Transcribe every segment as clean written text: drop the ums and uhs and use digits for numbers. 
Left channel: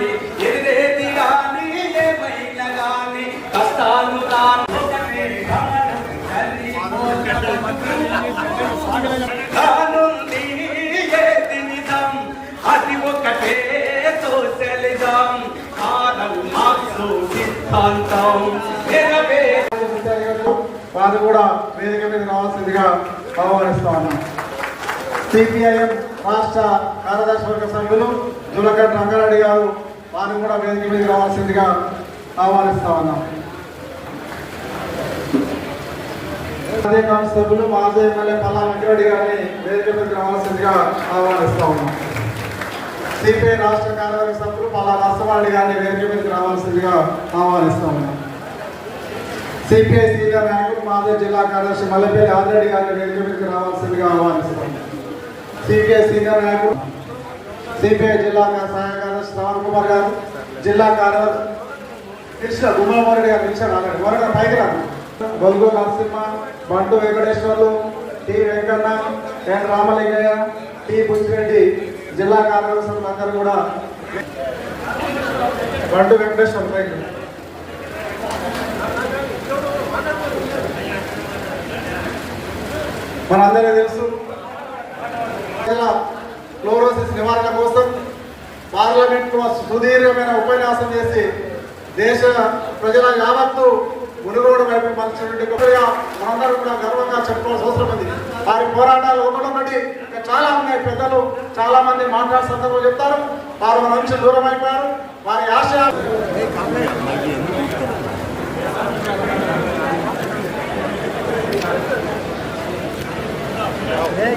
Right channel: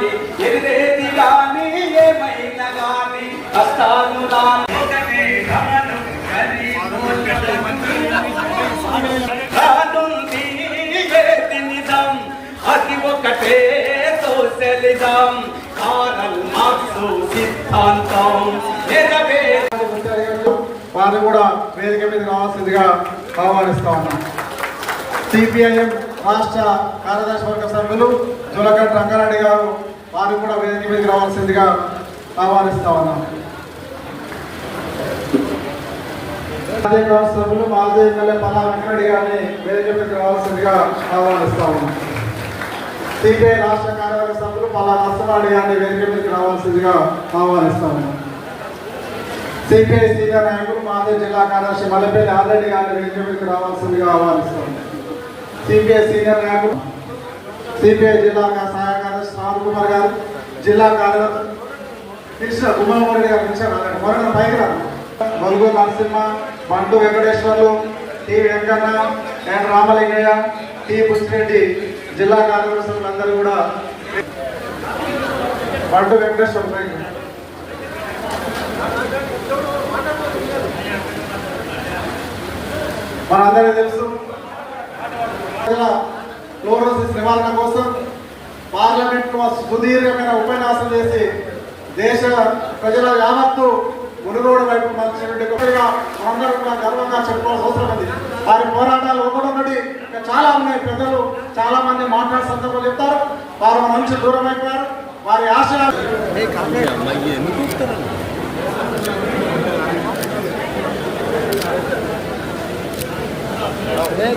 రాని ఎదిరేది రాని ఏమైనా రాని కష్టాలు రాని ఒకటే గానం కానుంది ఏది నిజం అది ఒకటే సోషలిజం ఆరల్ మార్క్సు సిద్ధాంతం వారు కూడా వేదిక మీద రావాల్సిందిగా ఆహ్వానిస్తా ఉన్నాం. సిపిఐఎం రాష్ట్ర కార్యదర్శి వర్గ సభ్యులు జులగడ్డ రంగారెడ్డి గారు వారు కూడా వేదిక మీద రావాల్సిందిగా ఆహ్వానిస్తా ఉన్నాం. మాజీ సభ్యులు మాజీ ఎమ్మెల్యే పల్లా వెంకరెడ్డి గారిని వేదిక మీద రావాల్సిందిగా ఆహ్వానిస్తా ఉన్నాం. సిపిఐ రాష్ట్ర కార్యవర్గ సభ్యులు పల్లా నర్సవాడి గారిని వేదిక మీద రావాల్సిందిగా ఆహ్వానిస్తా ఉన్నాం. సిపిఐ సీనియర్ నాయకులు మాజీ జిల్లా కార్యదర్శి మల్లెపల్లి ఆదిరెడ్డి గారిని వేదిక మీదకి రావాల్సిందిగా ఆహ్వానిస్తున్నాం. సిపిఐ సీనియర్ నాయకులు సిపిఐ జిల్లా సహాయ కార్యదర్శి శ్రావణ్ కుమార్ గారు, జిల్లా కార్యదర్శి కృష్ణ గుమ్మరెడ్డి గారు పైన గొలుగు నరసింహ, బంటు వెంకటేశ్వర్లు, టి వెంకన్న, ఎన్ రామలింగయ్య, టి పుష్పిరెడ్డి జిల్లా కార్యదర్శులు అందరూ కూడా బంటు వెంకటేశ్వర్లు మనందరికీ తెలుసు ఫ్లోరోసిస్ నివారణ కోసం పార్లమెంట్ సుదీర్ఘమైన ఉపన్యాసం చేసి దేశ ప్రజల యావత్తు మునుగోడు వైపు మలిచినటువంటి మనందరూ కూడా గర్వంగా చెప్పుకోవాల్సిన అవసరం ఉంది. వారి పోరాటాలు ఒకటి చాలా ఉన్నాయి. పెద్దలు చాలా మంది మాట్లాడే సందర్భంలో చెప్తారు. వారు మన నుంచి దూరం అయిపోయారు. వారి ఆశయాలు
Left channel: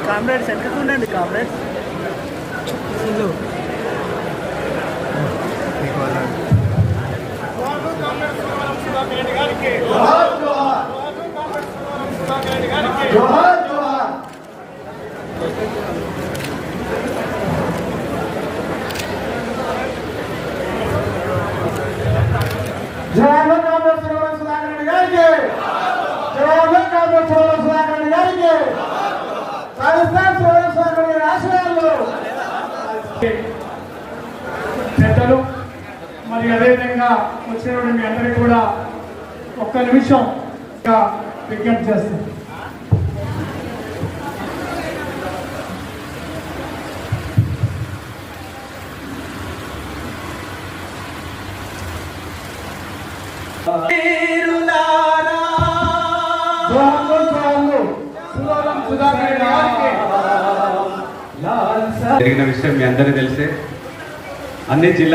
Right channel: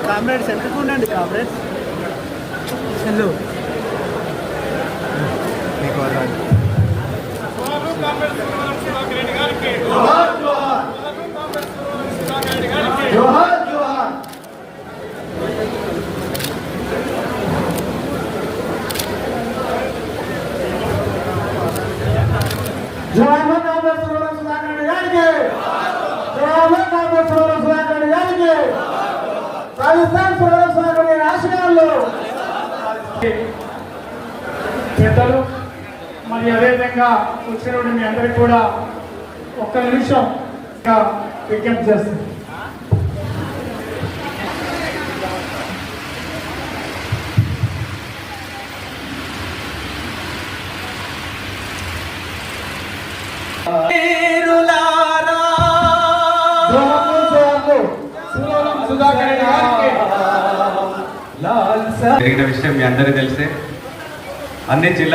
కామ్రేడ్స్ ఎక్కడికి ఉండండి. కామ్రేడ్స్ పెద్దలు మరి అదేవిధంగా వచ్చినటువంటి మీ అందరికీ కూడా ఒక్క నిమిషం విజ్ఞప్తి చేస్తుంది. జరిగిన విషయం మీ అందరికీ తెలిసే అన్ని జిల్లా